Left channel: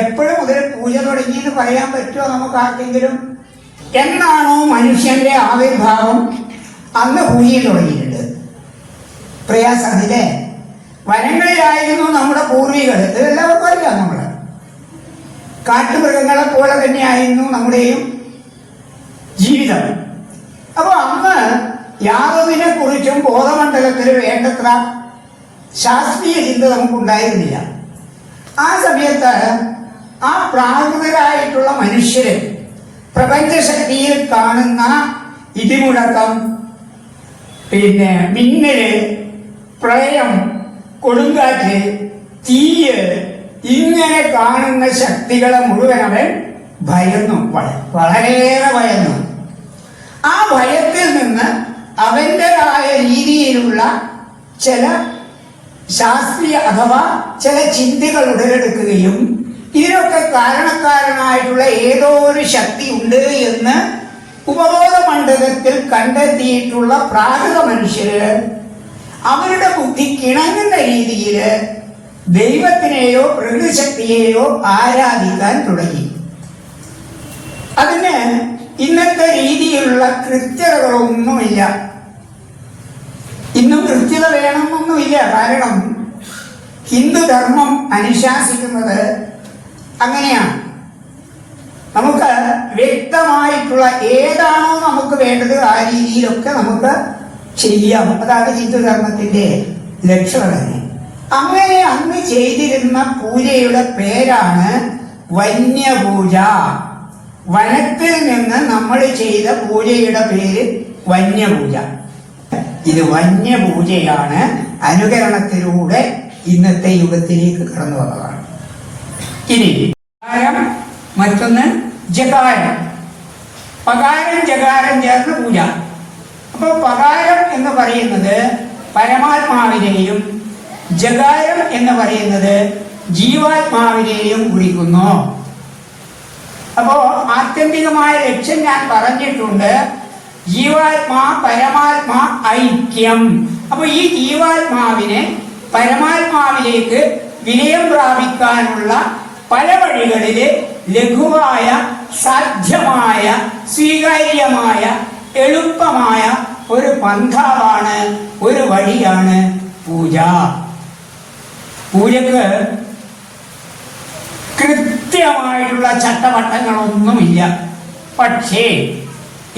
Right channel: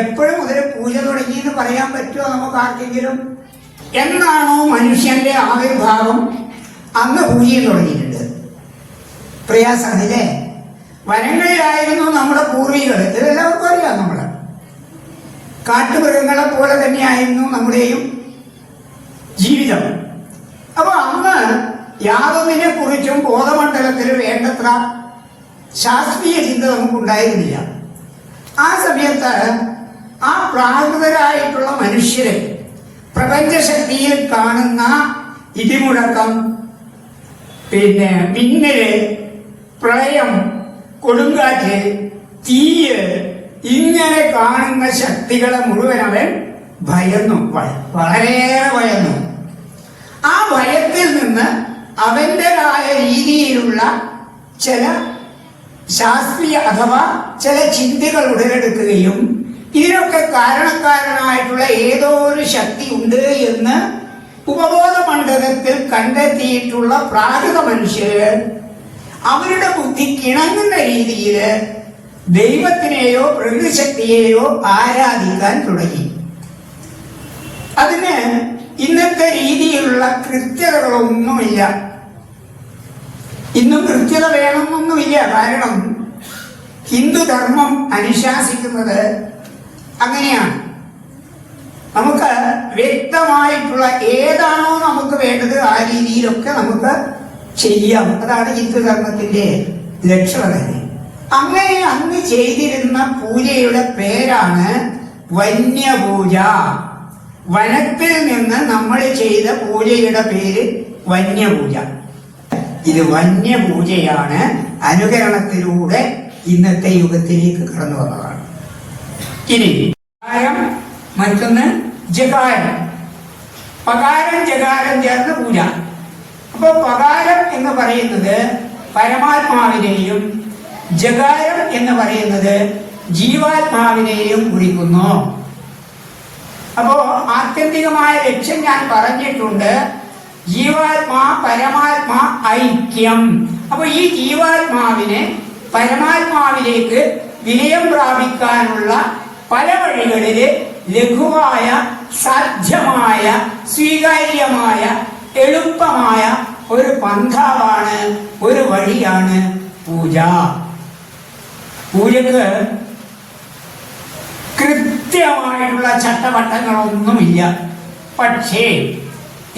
എപ്പോഴും മുതൽ പൂജ തുടങ്ങി എന്ന് പറയാൻ പറ്റുമോ നമുക്ക് ആർക്കെങ്കിലും? എന്നാണോ മനുഷ്യന്റെ ആവിർഭാവം അന്ന് പൂജയും തുടങ്ങിയിട്ടുണ്ട്. പ്രയാസമില്ലേ? വനങ്ങളിലായിരുന്നു നമ്മുടെ പൂർവികൾ. ഇതെല്ലാവർക്കും അറിയാം. നമ്മള് കാട്ടുമൃഗങ്ങളെ പോലെ തന്നെയായിരുന്നു നമ്മുടെയും ജീവിതം. അപ്പൊ അന്ന് യാതൊന്നിനെ കുറിച്ചും ബോധമണ്ഡലത്തിൽ വേണ്ടത്ര ശാസ്ത്രീയ ചിന്ത നമുക്കുണ്ടായിരുന്നില്ല. ആ സമയത്ത് ആ പ്രാകൃതരായിട്ടുള്ള മനുഷ്യര് പ്രപഞ്ചശക്തിയിൽ കാണുന്ന ഇടിമുഴക്കം, മിന്നല്, പ്രളയം, കൊടുങ്കാറ്റ്, തീയ്, ഇങ്ങനെ കാണുന്ന ശക്തികളെ മുഴുവൻ അവൻ ഭയന്നു, വളരെയേറെ ഭയന്നു. ആ ഭയത്തിൽ നിന്ന് അവന്റേതായ രീതിയിലുള്ള ചില ശാസ്ത്രീയ അഥവാ ചില ചിന്തകൾ ഉടലെടുക്കുകയും ഇതിനൊക്കെ കാരണക്കാരനായിട്ടുള്ള ഏതോ ഒരു ശക്തി ഉണ്ട് എന്ന് ഉപബോധ മണ്ഡലത്തിൽ കണ്ടെത്തിയിട്ടുള്ള പ്രാകൃത മനുഷ്യര് അവരുടെ ബുദ്ധിക്ക് ഇണങ്ങുന്ന രീതിയിൽ ദൈവത്തിനെയോ പ്രകൃതിശക്തിയെയോ ആരാധിക്കാൻ തുടങ്ങി. അതിന് ഇന്നത്തെ രീതിയിലുള്ള കൃത്യതകളൊന്നുമില്ല. ഇന്നും കൃത്യത വേണമെന്നൊന്നുമില്ല. കാരണം ഹിന്ദുധർമ്മം അനുശാസിക്കുന്നത് അങ്ങനെയാണ്. നമുക്ക് വ്യക്തമായിട്ടുള്ള ഏതാണോ നമുക്ക് വേണ്ടത് ആ രീതിയിലൊക്കെ നമുക്ക് ചെയ്യാം. അതാണ് ഹിന്ദുധർമ്മത്തിന്റെ ലക്ഷണം തന്നെ. അങ്ങനെ അന്ന് ചെയ്തിരുന്ന പൂജയുടെ പേരാണ് വന്യപൂജ. വനത്തിൽ നിന്ന് നമ്മൾ ചെയ്ത പൂജയുടെ പേര് വന്യപൂജ. ഇത് വന്യപൂജയാണ്. അനുകരണത്തിലൂടെ ഇന്നത്തെ യുഗത്തിലേക്ക് കടന്നു വന്നതാണ്. ഇനി മറ്റൊന്ന് ജകാരം. പകാരം ജകാരം ചേർന്ന പൂജ. അപ്പൊ പകാരം എന്ന് പറയുന്നത് പരമാത്മാവിനെയും ജകാരം എന്ന് പറയുന്നത് ജീവാത്മാവിനെയും കുറിക്കുന്നു. അപ്പോ ആത്യന്തികമായ ലക്ഷ്യം ഞാൻ പറഞ്ഞിട്ടുണ്ട്. ജീവാത്മാ പരമാത്മാ ഐക്യം. അപ്പൊ ഈ ജീവാത്മാവിനെ പരമാത്മാവിലേക്ക് വിലയം പ്രാപിക്കാനുള്ള പല വഴികളില് ലഘുവായ, സാധ്യമായ, സ്വീകാര്യമായ, എളുപ്പമായ ഒരു പന്ഥാവാണ്, ഒരു വഴിയാണ് പൂജ. പൂജക്ക് കൃത്യമായിട്ടുള്ള ചട്ടവട്ടങ്ങളൊന്നുമില്ല. പക്ഷേ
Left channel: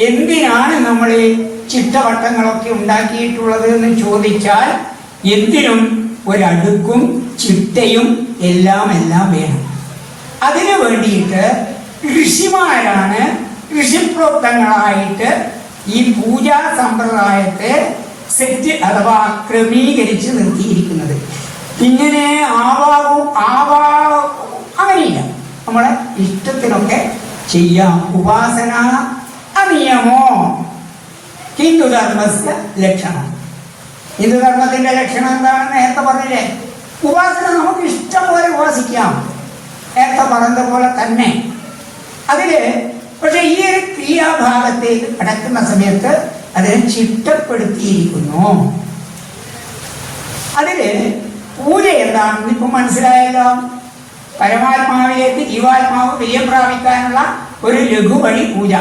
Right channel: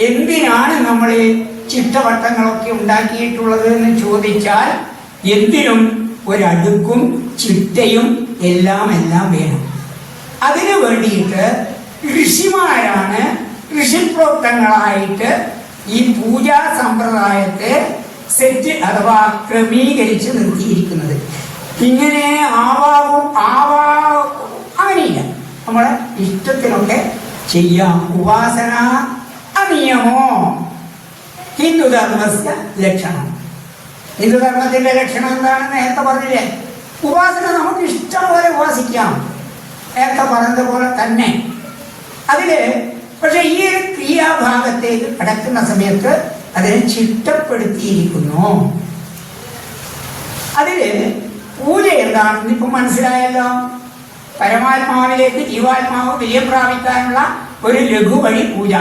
എന്തിനാണ് നമ്മൾ ചിട്ടവട്ടങ്ങളൊക്കെ ഉണ്ടാക്കിയിട്ടുള്ളത് എന്ന് ചോദിച്ചാൽ എന്തിനും ഒരടുക്കും ചിട്ടയും എല്ലാം വേണം. അതിനു വേണ്ടിയിട്ട് ഋഷിമാരാണ് ഋഷിപ്രോക്തങ്ങളായിട്ട് ഈ പൂജാ സമ്പ്രദായത്തെ സെറ്റ് അഥവാ ക്രമീകരിച്ച് നിർത്തിയിരിക്കുന്നത്. ഇങ്ങനെ അങ്ങനെയില്ല. നമ്മളെ ഇഷ്ടത്തിലൊക്കെ ചെയ്യാം. ഉപാസന അനിയമോ ഹിന്ദുധർമ്മസ്യ ലക്ഷണം. ഹിന്ദുധർമ്മത്തിന്റെ ലക്ഷണം എന്താണെന്ന് നേരത്തെ പറഞ്ഞില്ലേ? ഉപാസന നമുക്ക് ഇഷ്ടം പോലെ ഉപാസിക്കാം, നേരത്തെ പറഞ്ഞതുപോലെ തന്നെ. അതില് പക്ഷെ ഈ ഒരു ക്രിയാഭാഗത്തേക്ക് കടക്കുന്ന സമയത്ത് അതിനെ ചിട്ടപ്പെടുത്തിയിരിക്കുന്നു. അതില് പൂജ എന്താണെന്ന് ഇപ്പൊ മനസ്സിലായല്ലോ. പരമാത്മാവിലേക്ക് ജീവാത്മാവ് വിലയം പ്രാപിക്കാനുള്ള ഒരു ലഘു വഴി പൂജ.